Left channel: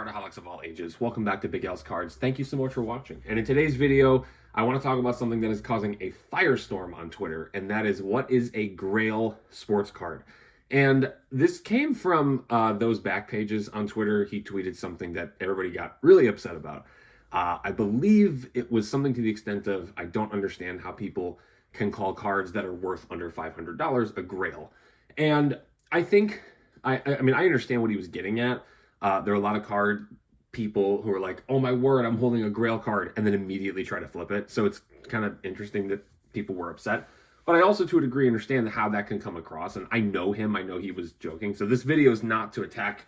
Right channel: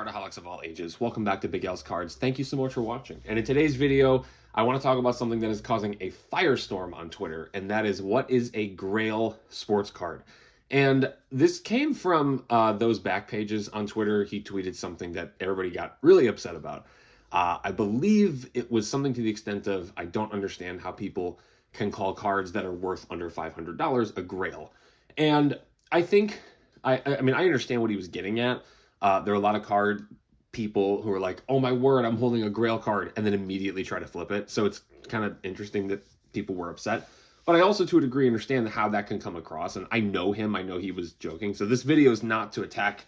cardaholics of all ages. Welcome back to Big L's Cards. Thank you so much for watching. And in today's video, I want to talk about something that is causing a firestorm on Twitter, and that is what is a Grail sports card. And this came from those back pages on Twitter. He tweeted something that everybody got really upset about. I believe it was something to the extent of, I don't understand how people can call cards that are worth under $500 a Grail. And I think, I mean, I understand what he was getting at. There are a lot of card people who are like, oh my word, I'm holding a Grail card, and then immediately try to flip it. So it's kind of interesting that people were upset. But I also, to a degree, understand how that can come across. And I know him. I know he was joking. So this video is not to attack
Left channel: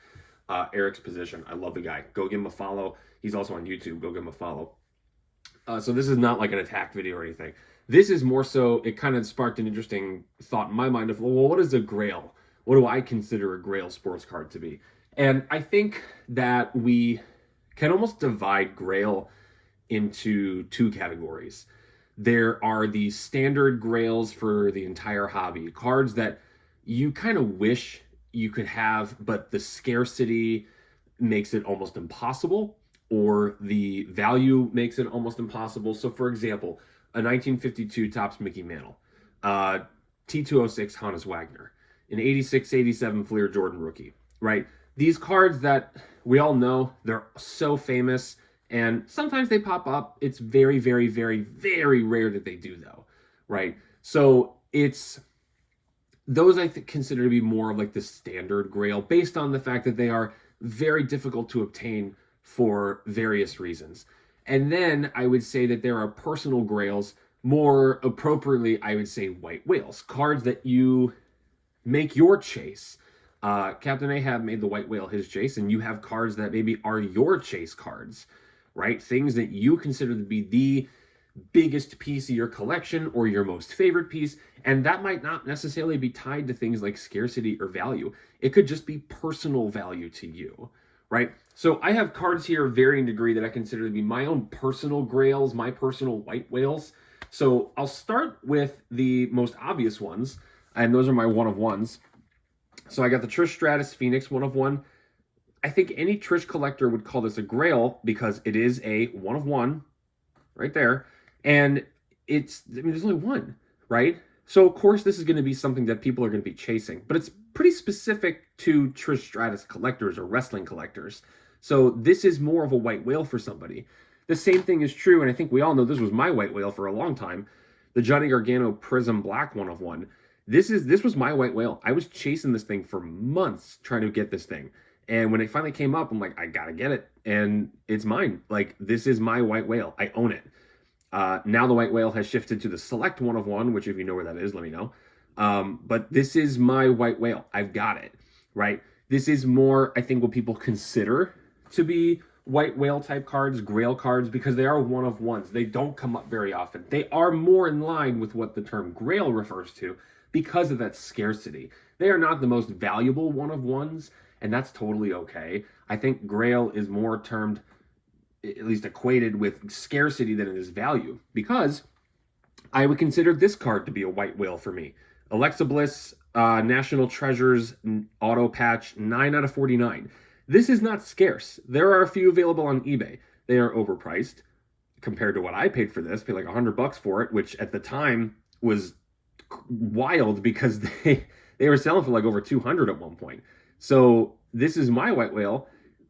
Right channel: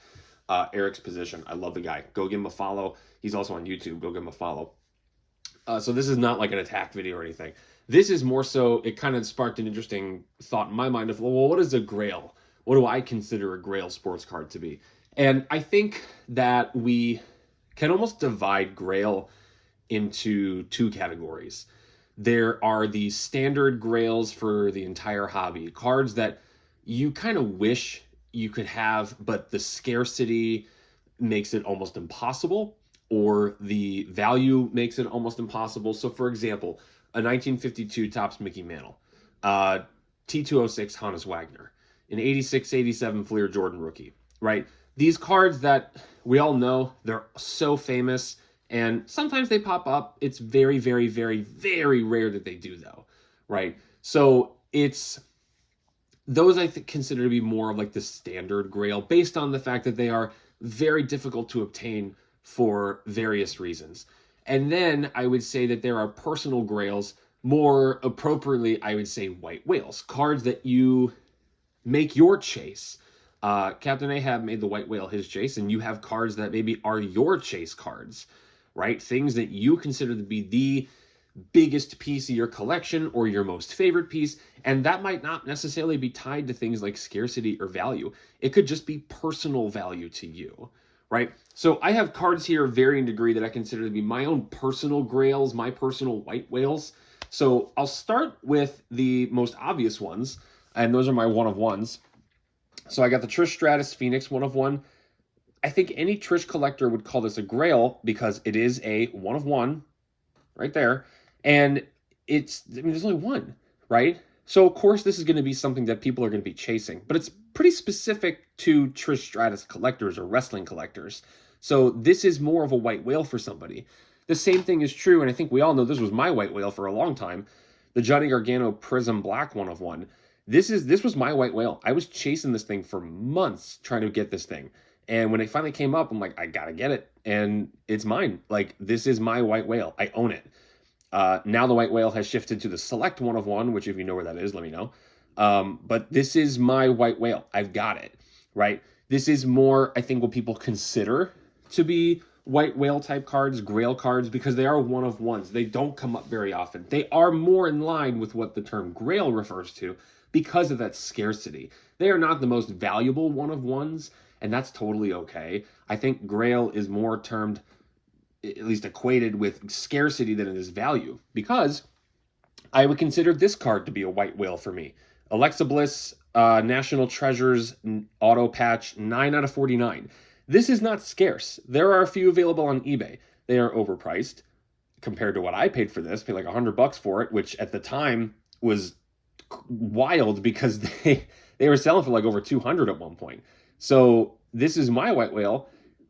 Eric's position. I love the guy. Go give him a follow. He's also on YouTube. Go give him a follow. So this is not like an attack video or anything. This is more so, it kind of sparked an interesting thought in my mind of, well, what is a Grail? What do I consider a Grail sports card to be? And I think that we can almost divide Grail into two categories. There are the standard Grails for the entire hobby, cards that you kind of wish you could have, but the scarcity makes it almost impossible, or the value makes it almost impossible. So for example, a 1952 Topps Mickey Mantle, T206 Hannes Wagner, an 86-87 Fleer Jordan rookie, right? These cards that we all know, they're so famous, and sometimes they pop up. It's very, very, very, very rare that they do, though, right? So it's those I consider to be more of like the standard Grail, based on the fact that they are very difficult to obtain for various reasons. And then I would say that there are personal Grails, more appropriately, I would say white whales, cards that you make your chase. Captain Ahab made the white whale his chase, and you have cards that maybe are your chase cards, right? Things that you consider to be the biggest piece of your collection or your most favorite piece, and that might not necessarily be tied to things like scarcity or value. It could just be personal value to you, right? So I have cards here of varying degree that I consider to be my own personal Grails, my personal white whales. So I'll start with the most obvious ones, and those are my one-of-ones. So I got the Trish Stratus Phoenix 1-of-1. I think any Trish collector would call this a Grail because it is a 1-of-1 right there. And it's, I mean, there's only one, right? So of course this is going to be something that people are going to be chasing, but it's pretty specific to Trish Stratus collectors or wrestling collectors. So this is more of a white whale for somebody. The same thing is true, and I think we all know this was my white whale for a long time, the Johnny Gargano Prism Black 1-of-1. This was my white whale. I was chasing this thing for months trying to get this thing. And when it finally came up, I'm like, I gotta get it. And it's mine. Like, this is my white whale. I own it. Now the white whale has shifted to the Select 1-of-1, which if you know where that is, let me know. But this is my white whale. I've got it, right? This is more, I think, what people consider to be white whale type cards, Grail cards, because they are 1-of-1s. They don't come up very often. They are more in line with what the term Grail refers to, because of that scarcity. They are not the most valuable 1-of-1s, and that's totally okay. I think Grail is more termed, at least equated with scarcity than it is value, because I would consider this card to be a white whale for me. Alexa Bliss, National Treasures Auto Patch, 9/49. This is not scarce. There are a few available on eBay. They are overpriced compared to what I paid for this. I paid like $100 for it, which at the time was wild because they were selling for like over 200 at one point. So this is my white whale,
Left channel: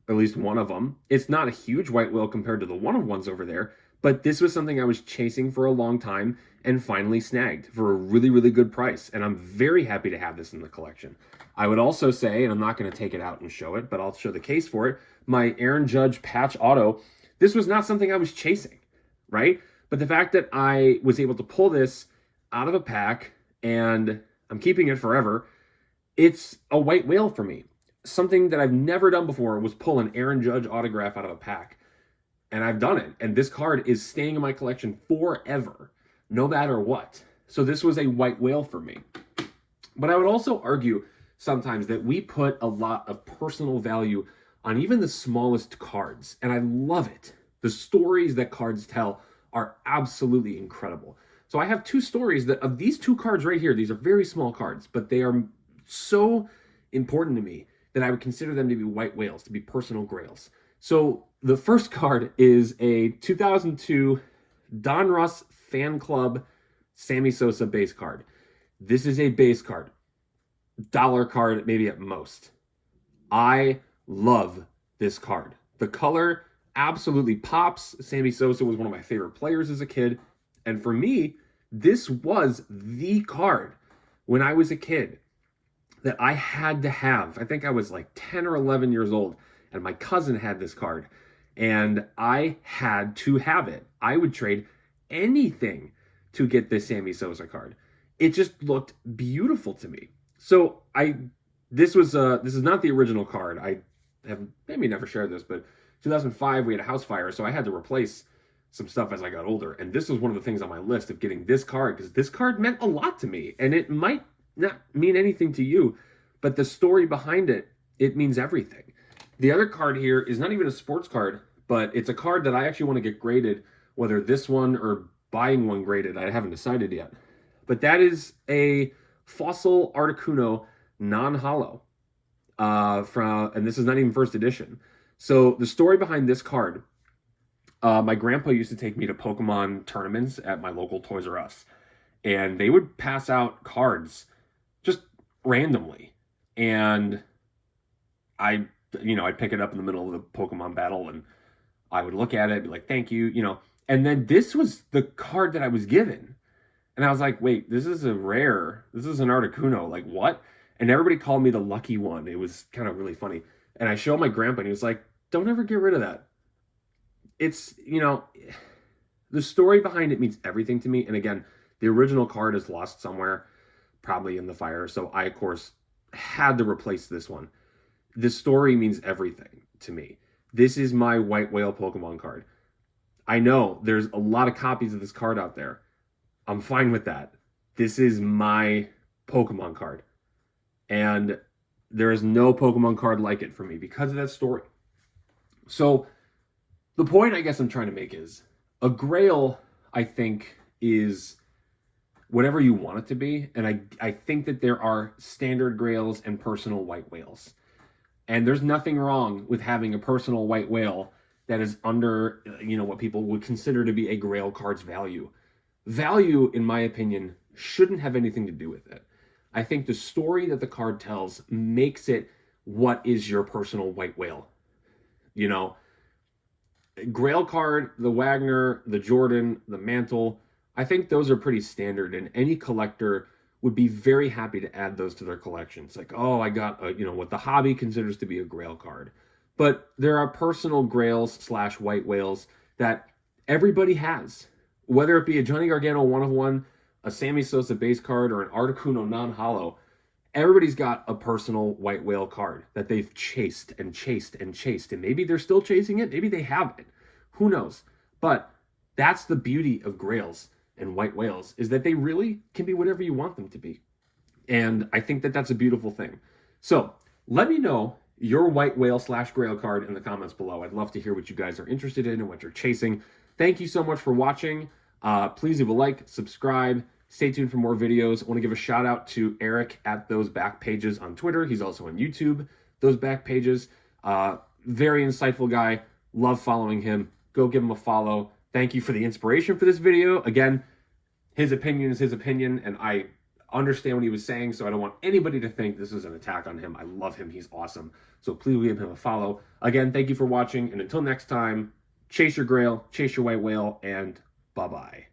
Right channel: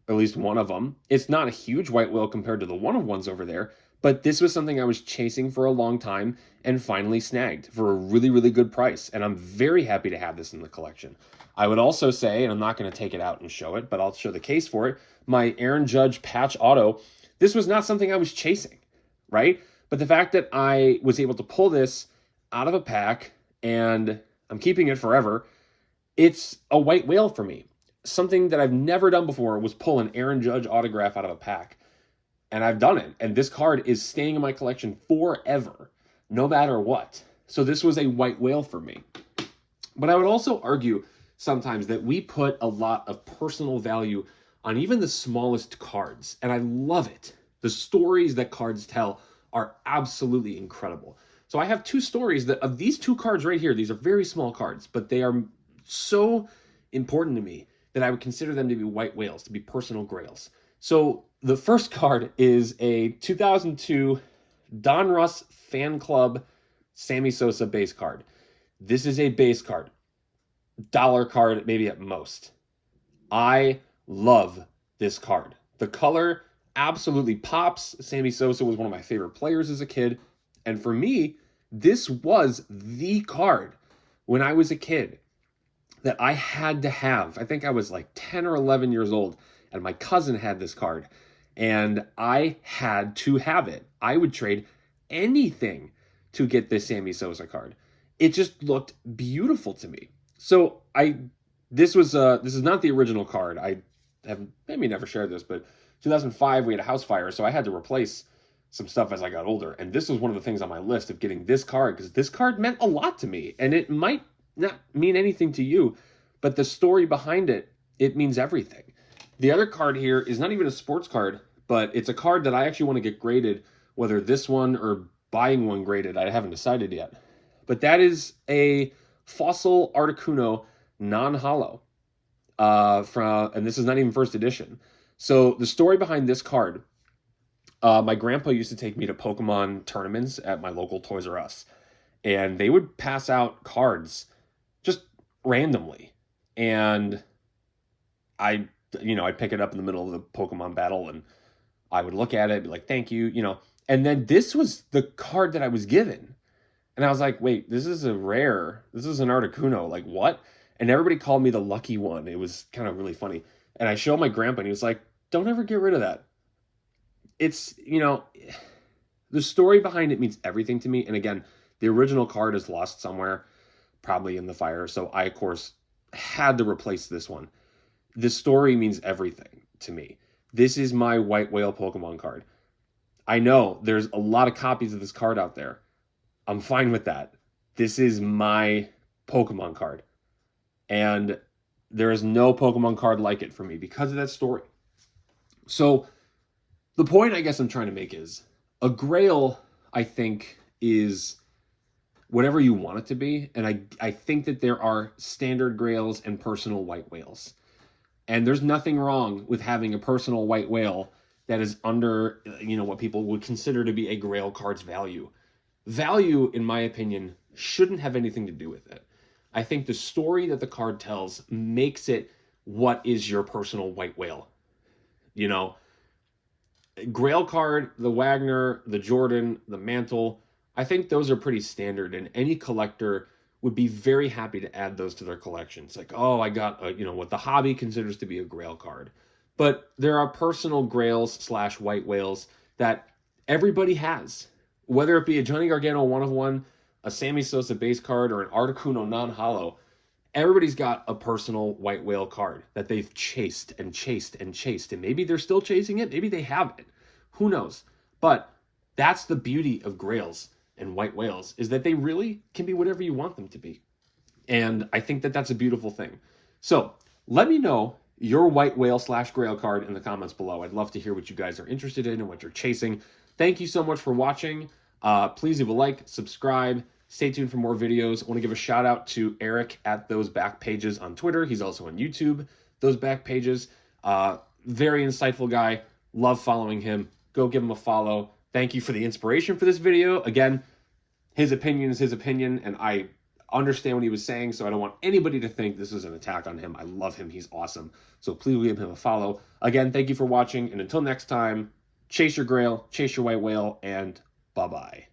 at least one of them. It's not a huge white whale compared to the 1-of-1s over there, but this was something I was chasing for a long time and finally snagged for a really, really good price. And I'm very happy to have this in the collection. I would also say, and I'm not going to take it out and show it, but I'll show the case for it, my Aaron Judge Patch Auto. This was not something I was chasing, right? But the fact that I was able to pull this out of a pack, and I'm keeping it forever, it's a white whale for me. Something that I've never done before was pull an Aaron Judge autograph out of a pack. And I've done it. And this card is staying in my collection forever, no matter what. So this was a white whale for me. But I would also argue sometimes that we put a lot of personal value on even the smallest cards. And I love it. The stories that cards tell are absolutely incredible. So I have two stories that of these two cards right here. These are very small cards, but they are so important to me that I would consider them to be white whales, to be personal Grails. So the first card is a 2002 Donruss Fan Club Sammy Sosa base card. This is a base card, dollar card maybe at most. I love this card. The color absolutely pops. Sammy Sosa was one of my favorite players as a kid. And for me, this was the card when I was a kid that I had to have. I think I was like 10 or 11 years old, and my cousin had this card, and I had to have it. I would trade anything to get this Sammy Sosa card. It just looked beautiful to me. So this is not the original card. I have maybe never shared this, but 2005 we had a house fire, so I had to replace some stuff as I got older. And this was one of the things on my list of getting this card, because this card meant a lot to me. And it might not mean anything to you, but the story behind it, it means everything. The other card here is not even a sports card, but it's a card that I actually want to get graded, whether this one or buying one graded, I haven't decided yet. But that is a Fossil Articuno non-holo, and this is not even first edition. So the story behind this card, my grandpa used to take me to Pokemon tournaments at my local Toys R Us, and they would pass out cards just randomly, and I'd pick it up in the middle of the Pokemon battle, and I would look at it, be like, thank you, and then this was the card that I was given. And I was like, wait, this is an Articuno, like what? And everybody called me the lucky one. It was kind of really funny. And I showed my grandpa, and he was like, don't ever get rid of that. It's, the story behind it means everything to me. And again, the original card is lost somewhere, probably in the fire. So I, of course, had to replace this one. The story means everything to me. This is my White Whale Pokemon card. I know there's a lot of copies of this card out there. I'm fine with that. This is my Pokemon card. And there is no Pokemon card like it for me because of that story. So the point I guess I'm trying to make is a Grail, I think, is whatever you want it to be. And I think that there are standard Grails and personal White Whales. And there's nothing wrong with having a personal White Whale that is under, what people would consider to be a Grail card's value. Value, in my opinion, shouldn't have anything to do with it. I think the story that the card tells makes it what is your personal White Whale. Grail card, the Wagner, the Jordan, the Mantle, I think those are pretty standard, and any collector would be very happy to add those to their collections. Like, oh, I got, what the hobby considers to be a Grail card. But there are personal Grails / White Whales that everybody has. Whether it be a Johnny Gargano 1/1, a Sammy Sosa base card, or an Articuno non-holo, everybody's got a personal White Whale card that they've chased and chased and chased. And maybe they're still chasing it. Maybe they haven't. Who knows? But that's the beauty of Grails and White Whales, is that they really can be whatever you want them to be. And I think that that's a beautiful thing. So let me know your White Whale / Grail card in the comments below. I'd love to hear what you guys are interested in and what you're chasing. Thank you so much for watching. Please leave a like, subscribe, stay tuned for more videos. I want to give a shout out to Eric at Those Back Pages on Twitter. He's also on YouTube, Those Back Pages. Very insightful guy. Love following him. Go give him a follow. Thank you for the inspiration for this video. Again, his opinion is his opinion, and I understand what he was saying, so I don't want anybody to think this is an attack on him. I love him. He's awesome. So please give him a follow. Again, thank you for watching, and until next time, chase your Grail, chase your White Whale, and bye-bye.